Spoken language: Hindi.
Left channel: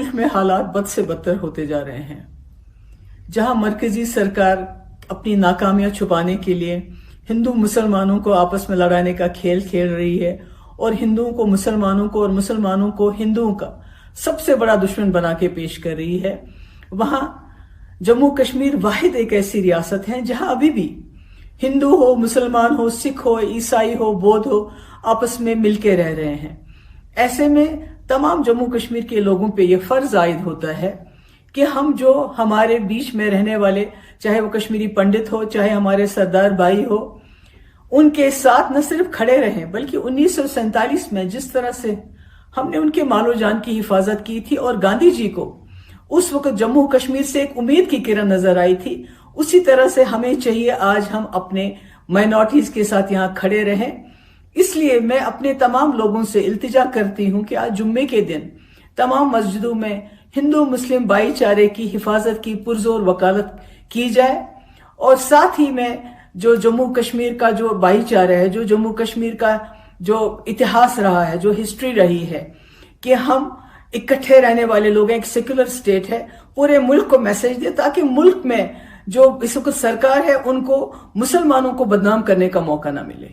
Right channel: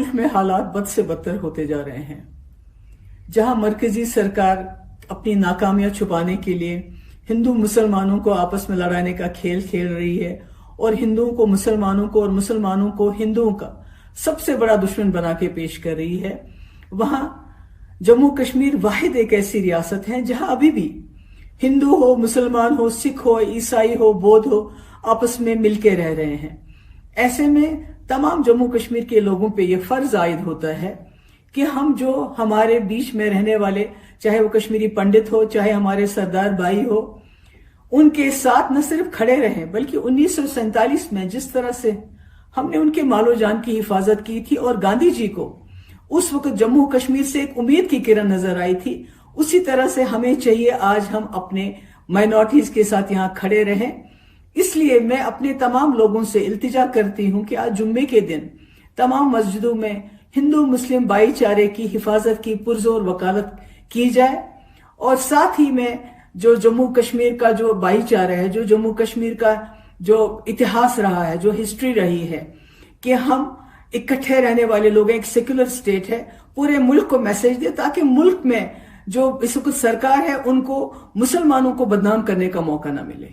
मुल्क में हालात बद से बदतर होते जा रहे हैं। जहां मरकजी सरकार अपनी नाकामियां छुपाने के लिए हिंदू मुसलमानों को आपस में लड़ाने का खेल खेल रही है और हिंदुओं को मुसलमानों को और मुसलमानों को हिंदुओं का सबसे बड़ा दुश्मन बना के पेश कर रही है, वहां जम्मू कश्मीर वाहिद एक ऐसी रियासत है जहां अभी भी हिंदू हो, मुसलमान हो, सिख हो, ईसाई हो, बौद्ध हो, आपस में मिलके रह रहे हैं। ऐसे में तमाम जम्मू कश्मीर के लोगों पे यह फर्ज आयद होता है कि हम जो हमारे बीच में रहने वाले, चाहे वो कश्मीरी पंडित हो, चाहे हमारे सरदार भाई हो, उनके साथ न सिर्फ खड़े रहें बल्कि 1947 में जिस तरह से हमने उनके मालो जान की हिफाजत की थी और गांधी जी को उस वक्त जम्मू कश्मीर से एक उम्मीद की किरण नजर आई थी, उसी तरह से हमें चाहिए आज हम अपने माइनॉरिटीज के साथ यहां खड़े रहें। इसलिए मैं अपने तमाम लोगों से इल्तिजा करती हूं कि आज जुम्मे के दिन तमाम मस्जिदों में हिंदू मुस्लिम भाईचारे की हिफाजत की पुरजोर वकालत की जाए और साथ ही में जो जम्मू कश्मीर का जो भाईचारा है, जो जम्मू कश्मीर का जो इतिहास रहा है, जो हिस्ट्री रही है कि हम इकट्ठे रहने वाले लोग हैं, एक सेक्युलर स्टेट है, पूरे मुल्क को मैसेज दे ताकि मुल्क में जो इस वक्त सरकार है उनको मुसलमानों को बदनाम करने का मौका ना मिले।